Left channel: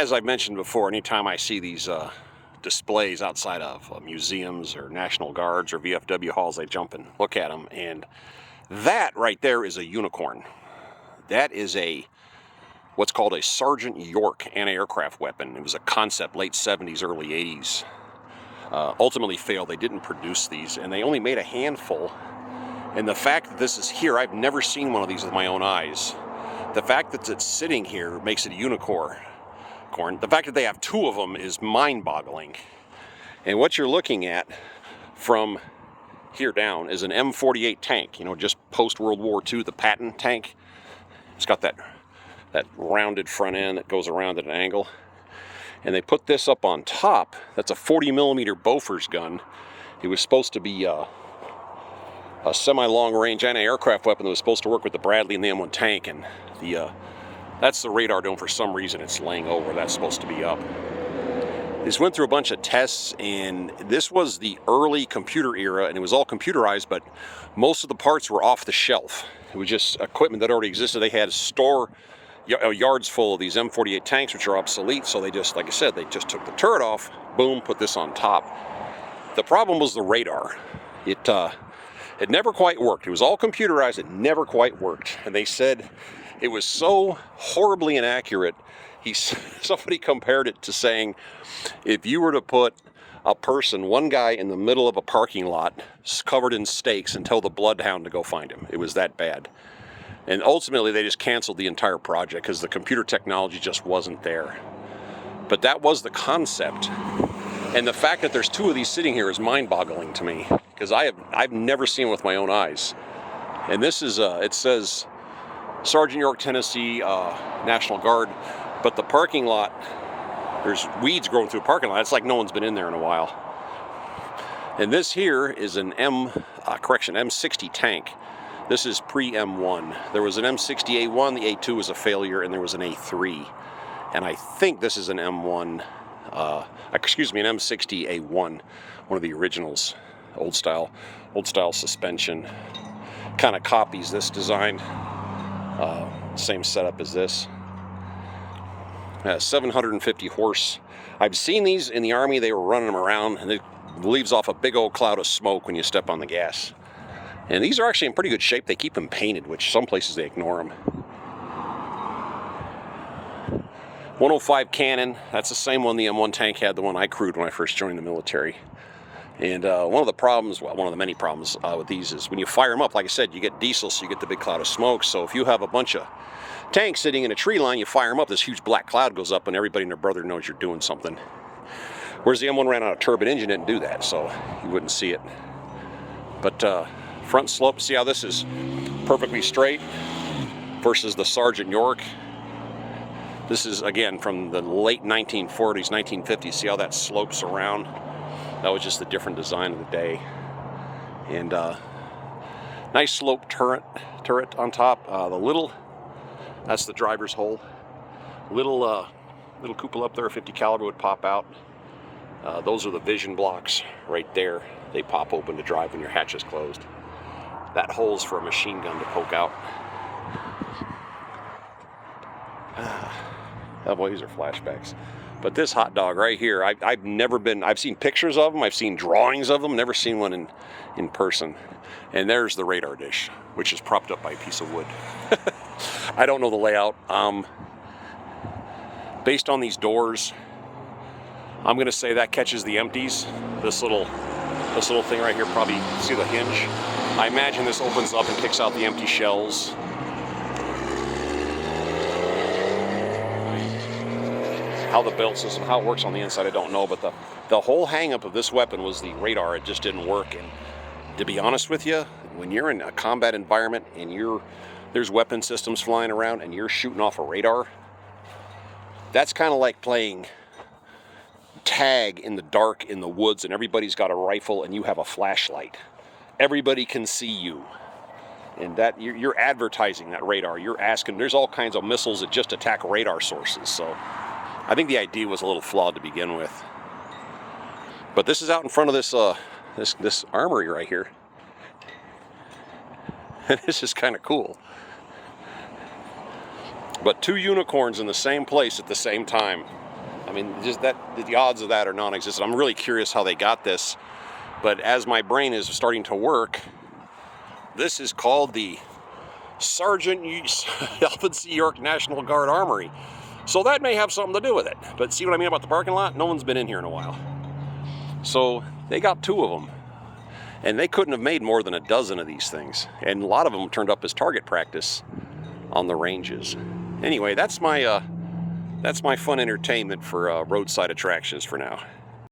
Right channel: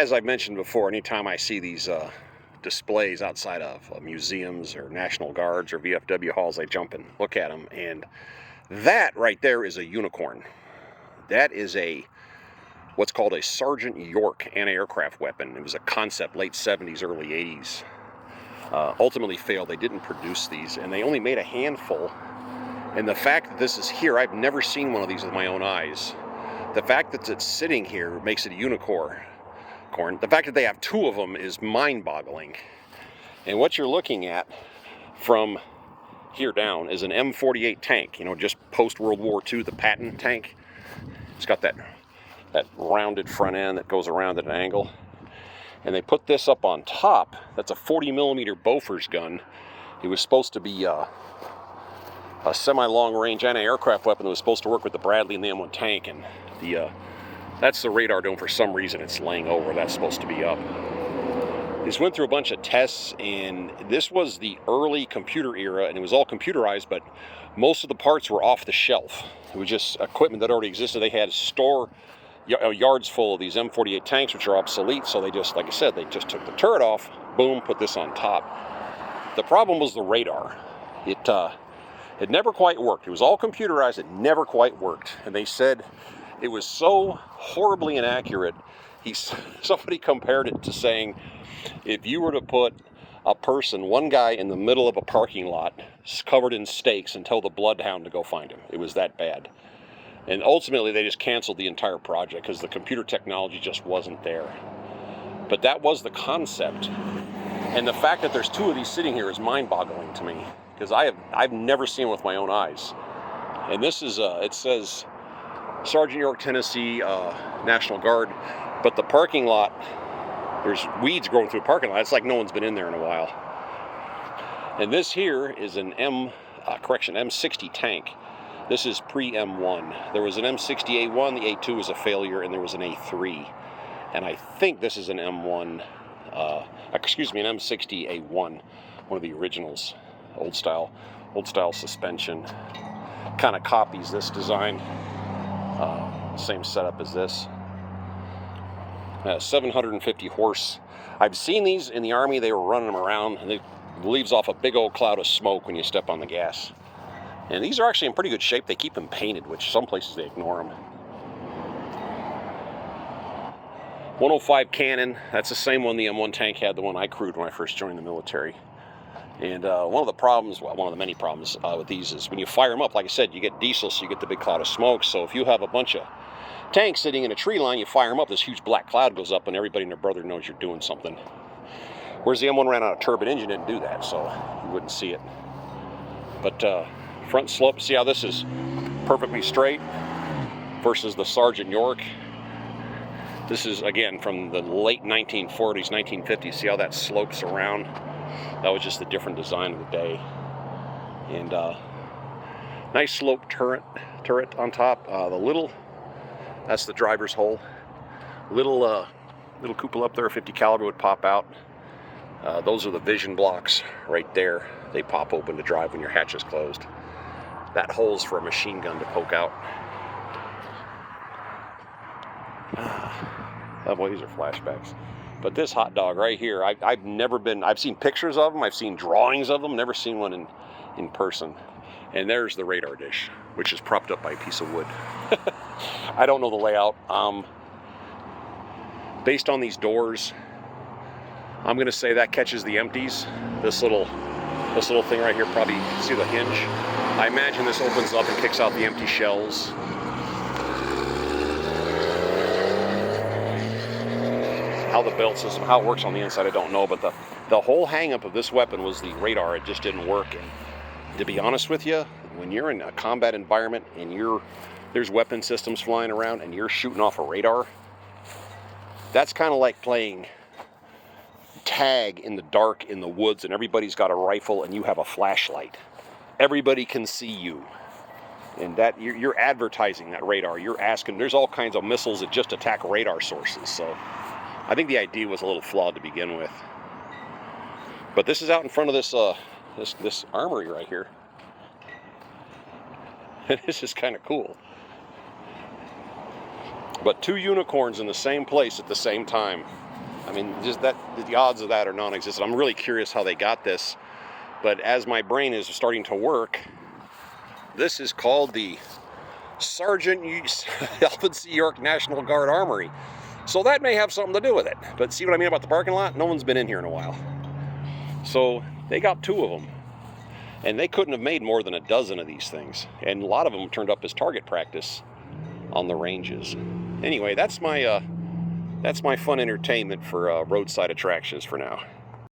As I've mentioned before, anytime I see these displays outside of museums or National Guards or VFW halls, I jump and look at them, and that right there is a unicorn. That is what's called a Sergeant York anti-aircraft weapon. It was a concept, late 70s, early 80s. Ultimately failed. They didn't produce these, and they only made a handful. And the fact that this is here, I've never seen one of these with my own eyes. The fact that it's sitting here makes it a unicorn. The fact that they have two of them is mind-boggling. And what you're looking at from here down is an M48 tank, you know, just post-World War II, the Patton tank. It's got that rounded front end that goes around at an angle. And they put this up on top. That's a 40mm Bofors gun. It was supposed to be a semi-long-range anti-aircraft weapon that was supposed to work with the Bradley and the M1 tank, and that's the radar dome. For some reason it's laying over. That's supposed to be up. This went through a bunch of tests, and this was the early computer era, and it was all computerized, but most of the parts were off the shelf. It was just equipment that already existed. They had yards full of these M48 tanks, which are obsolete, so they just, like I said, they just took the turret off, boom, put this on top. The problem was the radar. It never quite worked. It was all computerized. It never quite worked. And they said it was so horribly inaccurate. Somebody compared it to saying, if you were to put a person, one guy in the middle of a parking lot covered in stakes and tell the bloodhound to go find him. It was that bad. And ultimately they just canceled the entire project because the computer technology just wasn't there. But that was the concept. And the fact that there's two of these sitting here is mind-boggling to me, because I've never seen it with my own eyes. And this is it says Sergeant York, Tennessee, National Guard, but the parking lot, there's weeds growing through the parking lot. It's like no one's been in there in a while. And this here is an M60 tank. This is pre-M1. There was an M60A1, the A2 was a failure, and there was an A3. And I think this is an M1. An M60A1, one of the originals, old style suspension. Kind of copies this design. Same setup as this. 750 horse. I've seen these in the Army. They were running them around, and it leaves off a big old cloud of smoke when you step on the gas. And these are actually in pretty good shape. They keep them painted, which some places they ignore them. 105 cannon, that's the same one the M1 tank had, the one I crewed when I first joined the military. And one of the many problems with these is when you fire them up, like I said, you get diesel, so you get the big cloud of smoke. So if you have a bunch of tanks sitting in a tree line, you fire them up, this huge black cloud goes up, and everybody and their brother knows you're doing something. Whereas the M1 ran out of turbine engine, didn't do that, so you wouldn't see it. But front slope, see how this is perfectly straight versus the Sergeant York. This is, again, from the late 1940s, 1950s. See how that slopes around? That was just a different design of the day. And nice slope turret on top. That's the driver's hole. Little cupola up there, 50 caliber would pop out. Those are the vision blocks right there. They pop open to drive when your hatch is closed. That hole's for a machine gun to poke out. Oh boy, these are flashbacks. But this hot dog right here, I've seen pictures of them, I've seen drawings of them, never seen one in person. And there's the radar dish, which is propped up by a piece of wood. I don't know the layout. Based on these doors, I'm gonna say that catches the empties. This little thing right here, probably, see the hinge? I imagine this opens up and kicks out the empty shells. How the belt system, how it works on the inside, I don't know, but the whole hang-up of this weapon was the radar. It just didn't work. And to be honest with you, when you're in a combat environment and there's weapon systems flying around and you're shooting off a radar, that's kind of like playing tag in the dark in the woods and everybody's got a rifle and you have a flashlight. Everybody can see you. And that you're advertising that radar. You're asking, there's all kinds of missiles that just attack radar sources. So I think the idea was a little flawed to begin with. But this is out in front of this armory right here. This is kind of cool. But two unicorns in the same place at the same time. I mean, just that, the odds of that are non-existent. I'm really curious how they got this, but as my brain is starting to work, this is called the Sergeant Alvin C. York National Guard Armory. So that may have something to do with it. But see what I mean about the parking lot? No one's been in here in a while. So they got 2 of them. And they couldn't have made more than a dozen of these things. And a lot of them turned up as target practice on the ranges. Anyway, that's my fun entertainment for roadside attractions for now.